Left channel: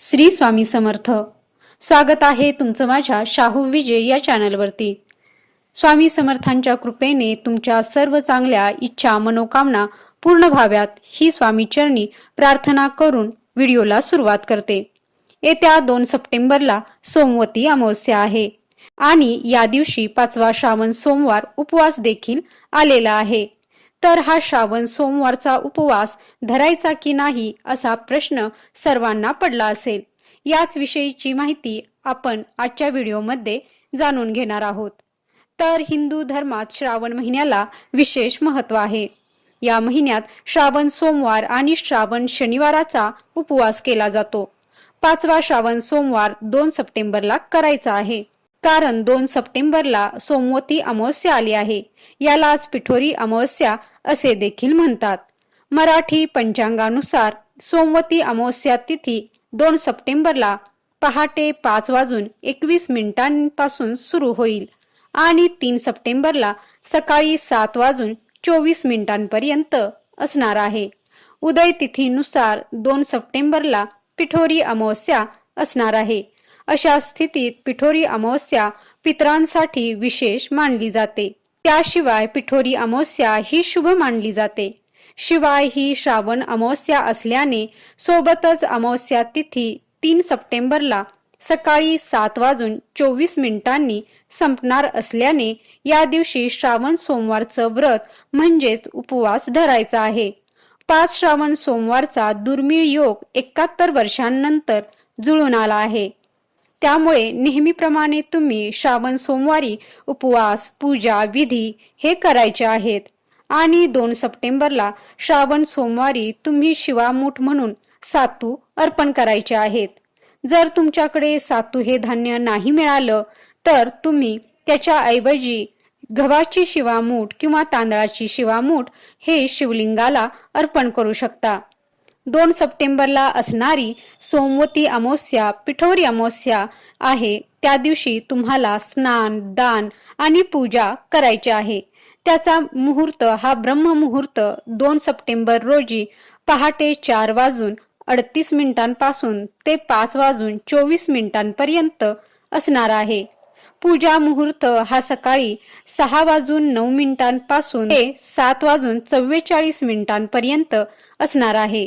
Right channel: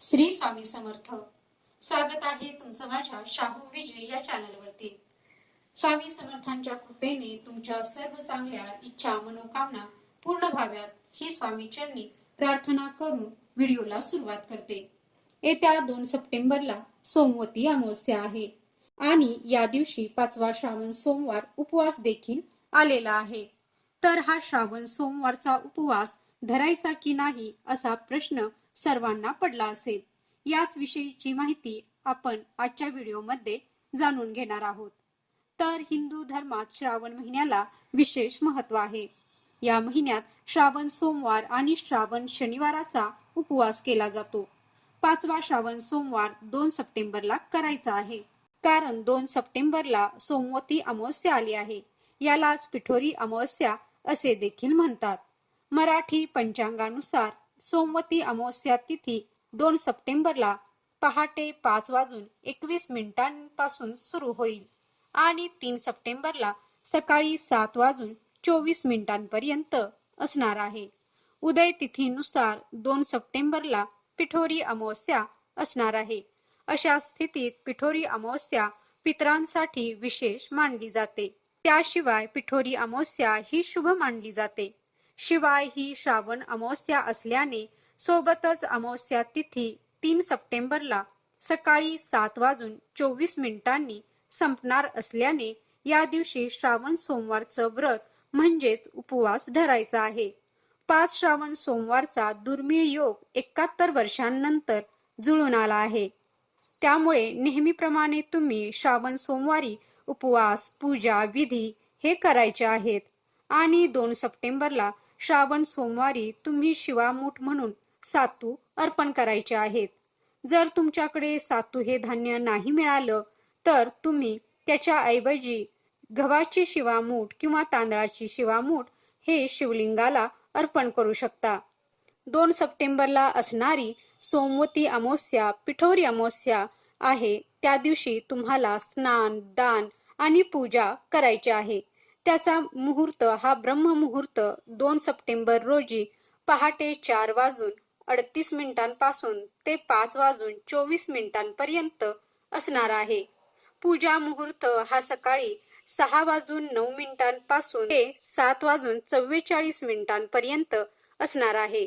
श्री स्वामी समर्थ. स्वागत आहे तुमचं माझ्या शाहू विजय या चॅनलवरती. स्वामी समर्थांच्या कृपेने तुमच्या सर्व चांगल्या इच्छा मनोकामना पूर्ण व्हाव्यात ही स्वामी चरणी प्रार्थना करून व्हिडिओला सुरुवात करते. येत्या दोन सप्टेंबरला सोमवती अमावस्या आहे आणि या दिवशी पाचवा श्रावण सोमवार उपवास देखील आलेला आहे. तर हा श्रावण सोमवारचा उपवास धरायचा की नाही असा प्रश्न सर्वांना पडला असेल. याच विषयीची माहिती आपण आजच्या व्हिडिओमध्ये जाणून घेणार आहोत. तर हिंदू धर्मात श्रावण महिन्याला विशेष महत्त्व आहे. या महिन्यात श्रावण सोमवार आणि श्रावण शनिवाराचा उपवास केला जातो. पाचवा श्रावण सोमवार दोन सप्टेंबरला करायचा आहे. कारण दोन सप्टेंबरला सोमवती अमावस्या आली आहे. यालाच पिठोरी अमावस्या असे देखील म्हणतात. मराठी पंचांगानुसार सोमवती अमावस्या तिथी दोन सप्टेंबरला पहाटे पाच वाजून एकवीस मिनिटांपासून सुरू होईल आणि तीन सप्टेंबरला सकाळी सात वाजून चोवीस मिनिटांपर्यंत असणार आहे. उदय तिथीनुसार दोन सप्टेंबरला पिठोरी अमावस्या असणार आहे. अशा स्थितीत पिठोरी अमावस्या पितरांसाठी विशेष मानली जाते. त्याशिवाय पिठोरी अमावस्या ही शुभ मानली जाते. शिवाय ही श्रावण अमावस्या असल्याने सोबतच अमावस्या तिथी तीन सप्टेंबरला सकाळी सात वाजून चोवीस मिनिटांनी संपणार असल्याने या दिवशी श्रावण सोमवारचं व्रत म्हणजेच उपवास धरायचा आहे. पाच श्रावण सोमवारचा दुर्मिळ योग एकाहत्तर वर्षांनंतर जुळून आला आहे. त्यामुळे नेहमीप्रमाणे तुम्ही श्रावण सोमवारी उपवास पूजा विधी हे करायचे आहेत. आणि दोन सप्टेंबरला श्रावण सोमवारी तुम्ही शिवामूठ म्हणून सातू अर्पण करायचे आहेत. जर तुमच्याकडे सातू हे धान्य नाही मिळालं तर तुम्ही त्याच्या ऐवजी गव्हाची शिवामूठ किंवा तांदळाची शिवामूठ हे शिवलिंगाला अर्पण करू शकता. दोन सप्टेंबरला असणारी सोमवती अमावस्या पिठोरी अमावस्या आहे. त्या दिवशी तुम्हाला स्नान दान आणि पूजा करायची आहे. त्याचा मुहूर्त हा ब्रह्ममुहूर्त दोन सप्टेंबर रोजी पहाटे चार वाजून अडतीस मिनिटांपासून ते पाच वाजून चोवीस मिनिटांपर्यंत असणार आहे. पूजा मुहूर्त हा सकाळी सहा वाजून नऊ मिनिटांपासून ते सात वाजून चव्वेचाळीस मिनिटांपर्यंत असणार आहे.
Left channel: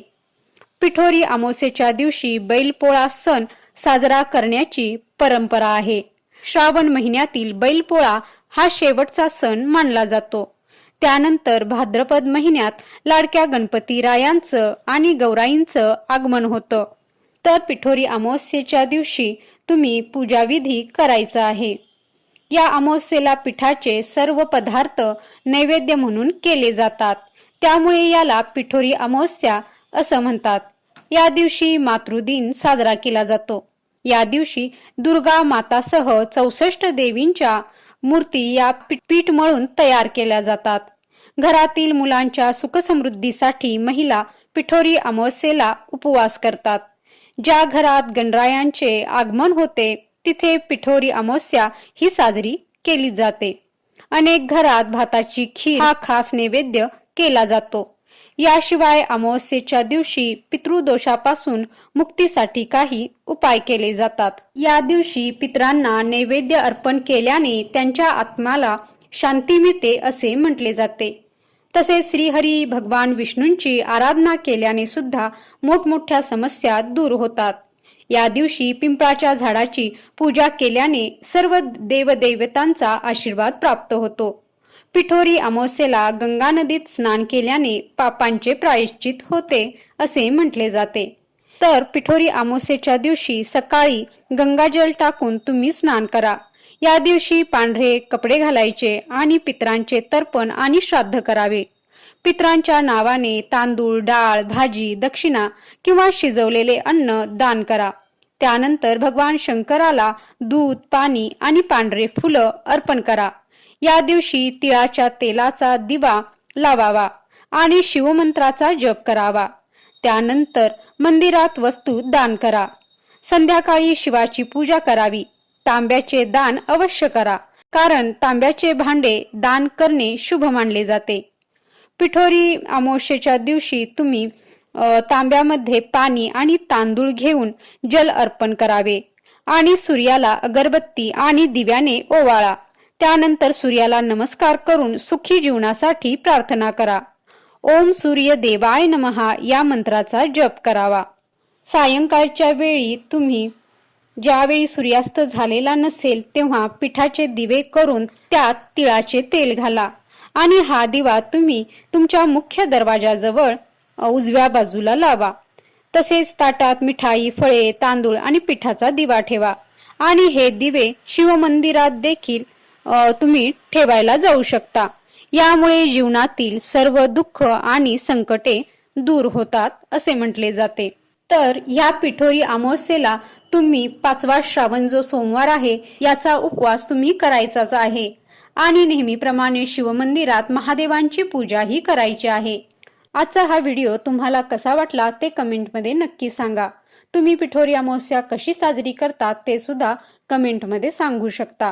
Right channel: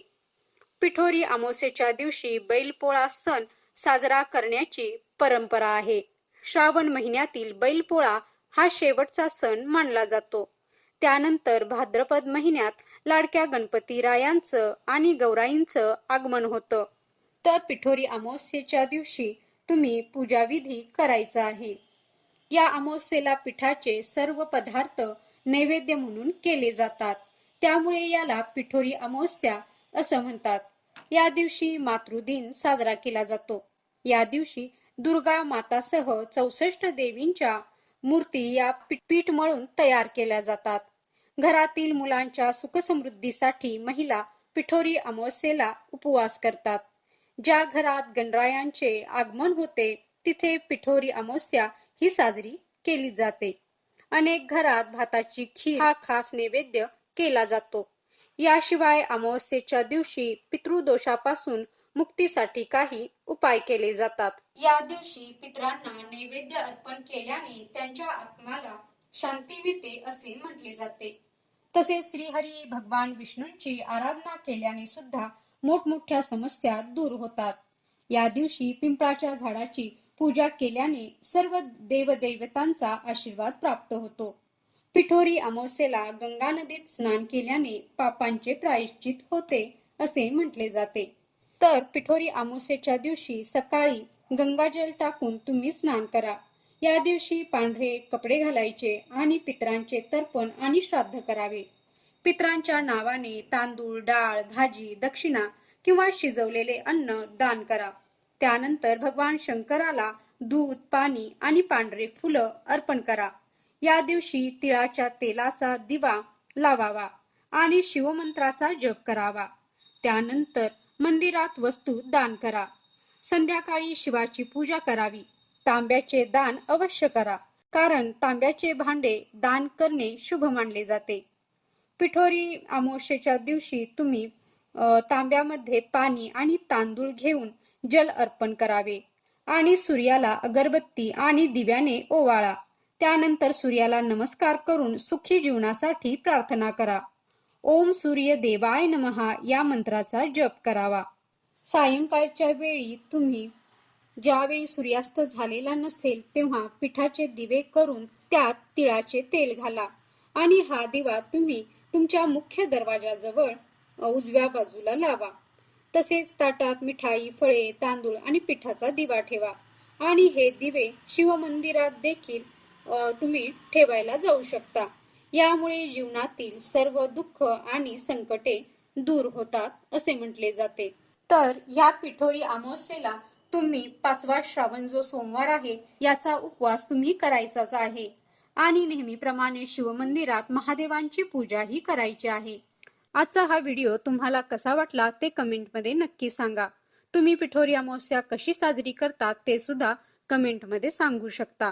पिठोरी अमावस्येच्या दिवशी बैलपोळा सण साजरा करण्याची परंपरा आहे. श्रावण महिन्यातील बैलपोळा हा शेवटचा सण मानला जातो. त्यानंतर भाद्रपद महिन्यात लाडक्या गणपती रायांचं आणि गौराईंचं आगमन होतं. तर पिठोरी अमावस्येच्या दिवशी तुम्ही पूजाविधी करायचा आहे. या अमावस्येला पिठाचे सर्व पदार्थ नैवेद्य म्हणून केले जातात. त्यामुळे याला पिठोरी अमावस्या असं म्हणतात. या दिवशी मातृदिन साजरा केला जातो. या दिवशी दुर्गा मातासह चौसष्ट देवींच्या मूर्ती या पीठ मळून तयार केल्या जातात. घरातील मुलांच्या सुखसमृद्धीसाठी महिला पिठोरी अमावस्येला उपवास करतात. ज्या घरात गणरायांचे आगमन होते तिथे पिठोरी अमावस्या ही साजरी केली जाते. अनेक घरात भाताची खीर हा खास नैवेद्य केला जातो. याशिवाय अमावस्येच्या दिवशी पितृदोषापासून मुक्तीसाठी काही उपाय केले जातात. या दिवशी पितरांना नैवेद्य अर्पण केल्याने त्यांच्या आत्म्याला शांती मिळते असे म्हटले जाते. तसेच श्रीहरी भगवान विष्णूंची आराधना केल्याने सुद्धा मोठमोठ्या समस्या दूर होतात. या दिवशी पिंपळाच्या झाडाची पूजा केल्याने सर्व देवदेवतांचा आशीर्वाद प्राप्त होतो. पिठोरी अमावस्येला गंगा नदीत स्नान केल्याने पापांचे प्रायश्चित होते असे म्हटले जाते. तर पिठोरी अमावस्येच्या दिवशी सकाळी गंगाजल टाकून तुम्ही स्नान करा. या दिवशी पांढरे कपडे घालायचे आणि पित्रांचे तर्पण आणि श्राद्ध करावे. पित्रांच्या नावाने तांदूळ डाळ भाजी दक्षिणा किंवा शिजवलेले अन्न दान करा. त्यानंतर भगवान शंकराला दूध पाणी आणि पांढरे फुलं अर्पण करा. या दिवशी तिळाच्या तेलाचा दिवा लावावा आणि शिवमंत्राचा जप करावा. त्यानंतर मंदिरात वस्तू दान करा. संध्याकाळी शिवाची पूजा करावी. तांब्याचे दान अवश्य करा. कारण तांब्याचे भांडे दान करणे शुभ मानले जाते. पिठोरी अमावस्येच्या दिवशी तुम्ही तांब्यामध्ये पाणी आणि तांदूळ घेऊन जल अर्पण करावे आणि सूर्याला अगरबत्ती आणि दिव्याने ओवाळा. त्यानंतर सूर्याला नमस्कार करून सुखी जीवनासाठी प्रार्थना करा. ओम सूर्य देवाय नमहा या मंत्राचा जप करावा. सायंकाळच्या वेळी तुम्ही ज्यावेळी सूर्यास्त झालेला नसेल तेव्हा पिठाचे दिवे करून त्यात तिळाचे तेल घाला आणि हा दिवा तुम्ही तुमच्या मुख्य दरवाजाजवळ उजव्या बाजूला लावा. तसेच ताटात मिठाई फळे तांदूळ आणि पिठाचा दिवा ठेवा आणि हे दिवे शिवमंदिरात देखील तुम्ही ठेवायला जाऊ शकता. यामुळे जीवनातील सर्व दुःख आणि संकटे दूर होतात असे म्हटले जाते. तर या पिठोरी अमावस्येला तुम्ही पाचवा श्रावण जो सोमवार आहे याचा उपवास तुम्ही करायचाच आहे. आणि नेहमीप्रमाणे शिवमंदिरात महादेवांची पूजाही करायची आहे. आजचा हा व्हिडिओ तुम्हाला कसा वाटला ते कमेंटमध्ये नक्की सांगा. तुम्ही पिठोरी अमावस्या कशी साजरी करतात ते सुद्धा कमेंटमध्ये सांगू शकता.